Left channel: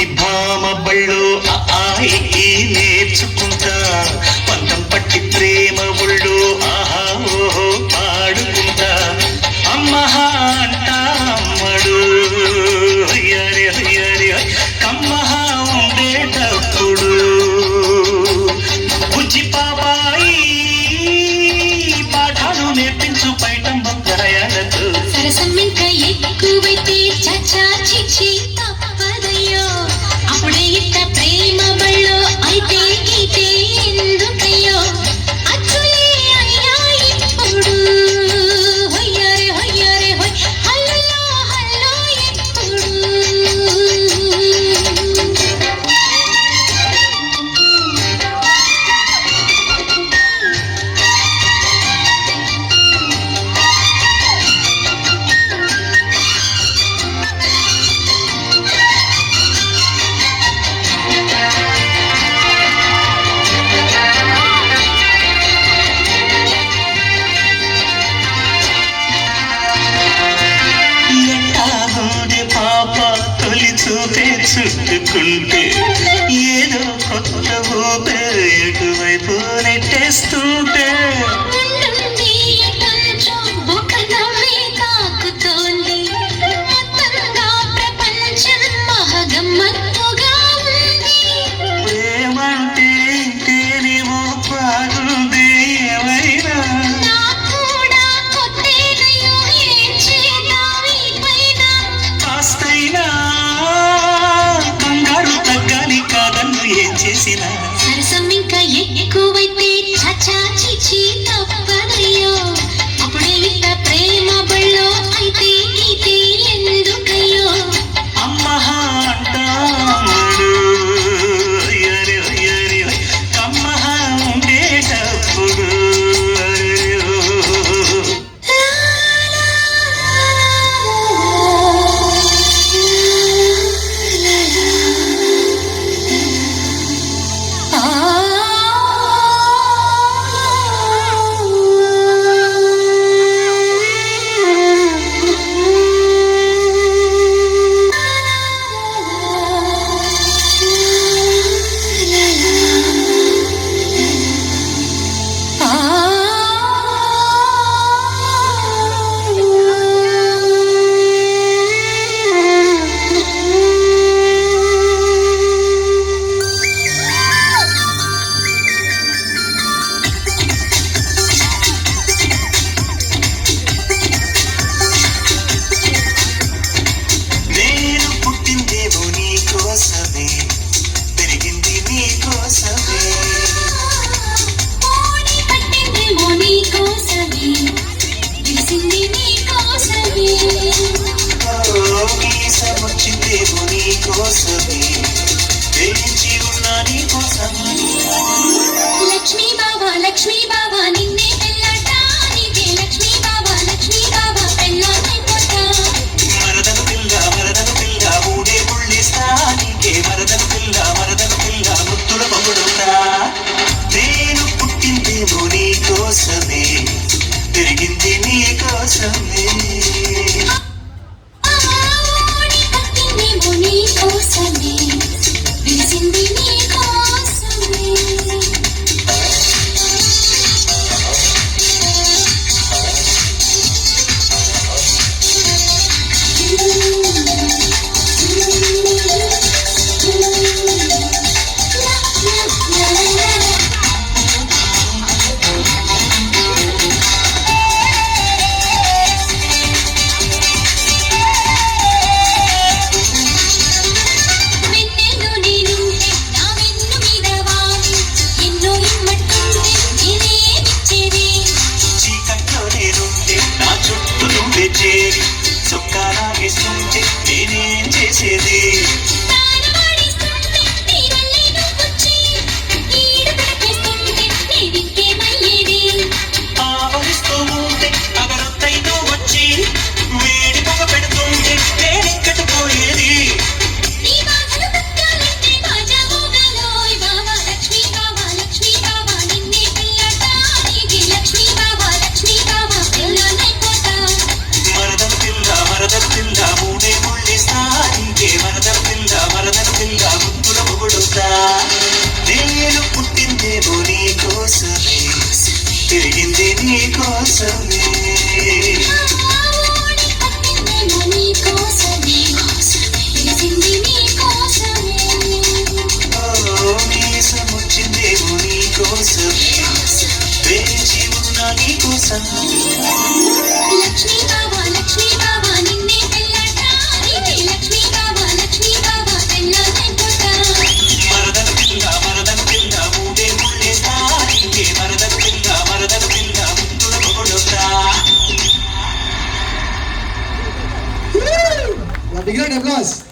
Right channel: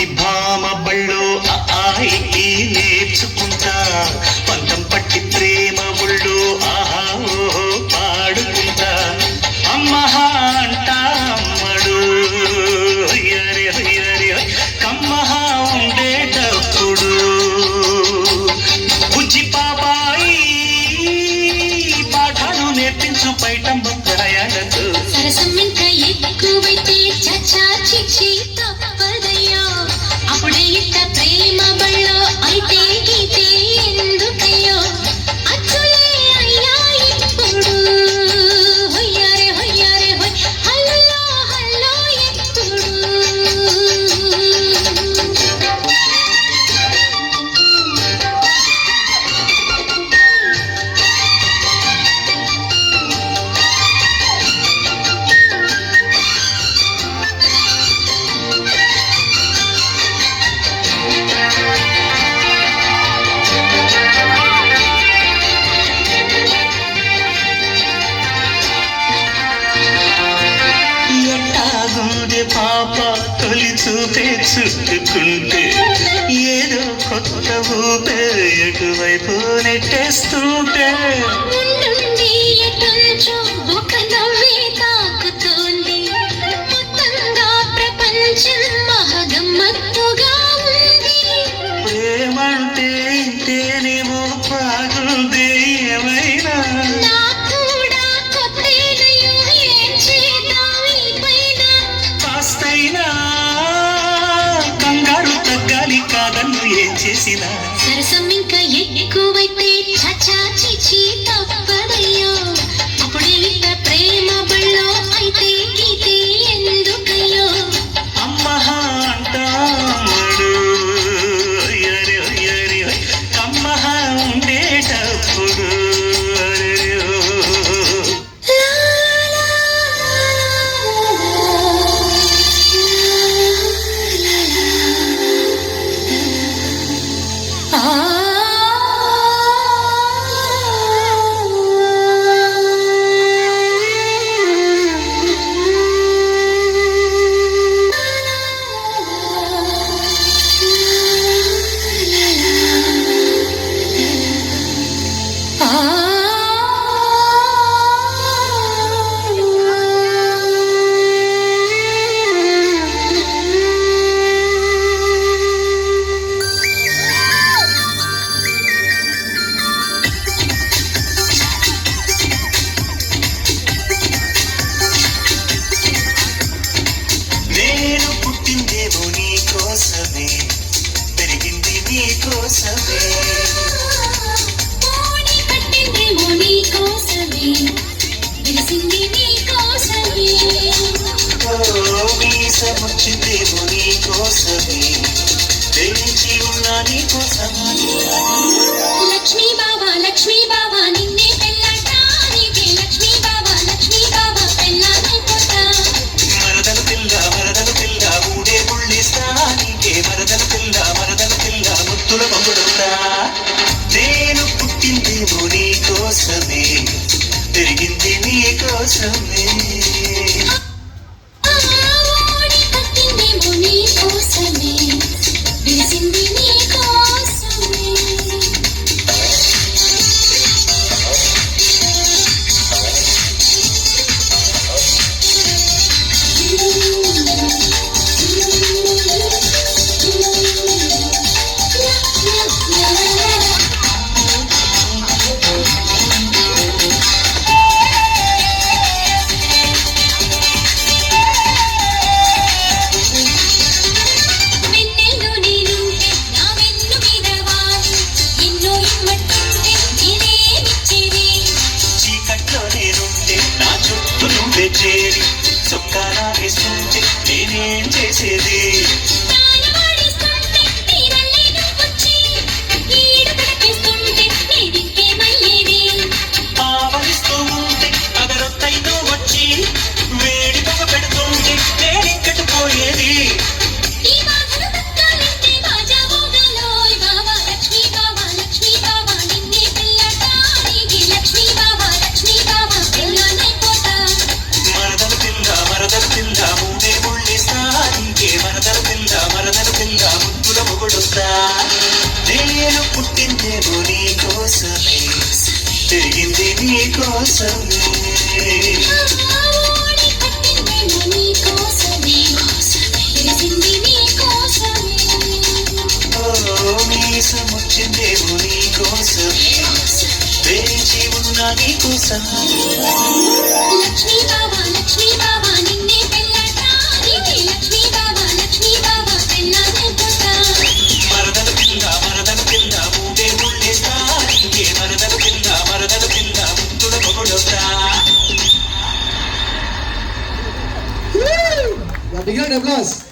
పట్టి భామ బళ్ళు ఆయి నేర్చుకుంటా పంతం పట్టి ప్రేమ ఒళ్ళు ఆహా ఓహో పాడుకుంటా అమ్మహా అంటా అమ్మడు హయ్యరి హయ్యరి కమ్మహా ఉండేటప్పుడు బుజ్జి పాపాయి పాఠాలు నేర్పించు పైటమ్మ ప్రయాణకు సరసం ఇంకా ఎక్కువైతే చచ్చా చిచ్చి తప్పదయ్యో అప్పుడే ఇంత ప్రేమ బళ్ళో అయితే గీతే ఎందుకయ్యో అచ్చులే అయ్యా ఇప్పుడు హొయ్యారే హొయ్యారే హొయ్ హల్లో హల్లో ఎప్పుడు పాప తొలి చూపే చుట్టుకుంటే ఏదో కొత్త ఊపే ఎటువైపు నెట్టేస్తుంటే ఉండుండి ఎటంచో ఒక నవ్వే తాకుతోంది మొత్తంగా ప్రపంచం మహగమ్మత్తుగా ఉంది ఏమంటే ఇంతేనేమో బాగుంది ఏమైనా నాకు కూడా కొత్తేదయ్యో ఏం చేద్దాం ఈ పైన కాస్తైనా కంగారు తగ్గాలి కాదన్ను ఏం చేసినా సరసం ఇంకా ఎక్కువైతే చచ్చా చిచి తప్పదయ్యో అప్పుడే ఇంత ప్రేమ బళ్ళో అయితే గీతే ఎందుకయ్యో అమ్మహా అంటాడు హయ్యరి హయ్యరి కమ్మహా ఉండేటప్పుడు నేను పుట్టిందేమో నీ కోసమే పెరిగింది నీ కోసమే పోనీ పట్టిందేమో నీ కోసమే తెలిసింది నీ కోసమే మీసముచ్చిందేమో నీ కోసమే తెలిసి ఉన్నా నీ కోసమే లక్ష్మీ బాబా నిన్నే పెళ్ళాటానికి లక్ష్మీ బాబా పెళ్ళాటైపోతా మరదల పిల్ల ఊడే పుళ్ళిస్తా నీకే మరదల పిల్ల ముత్తుల పంపుడుతా నేను పుట్టిందేమో నీ కోసమే పెరిగింది నీ కోసమే పోనీ పట్టిందేమో నీ కోసమే తెలిసింది నీ కోసమే వెన్నెలు నేను నేను పుట్టిందేమో నీ కోసమే పెరిగింది నీ కోసమే ఓడి పట్టిందేమో నీ కోసమే విరిసింది నీ కోసమే ఓ మీసముచ్చిందేమో నీ కోసమే వేచి ఉన్నా నీ కోసం లక్ష్మీ బాబా నిన్నే పెళ్ళాటానికి లక్ష్మీ బాబా పెళ్ళామెట్టుతా మరదల పిల్ల ఊడే ముళ్ళేస్తా ఇంకే మరదల పిల్ల ముద్దుల పొగడొస్తా Big round of applause.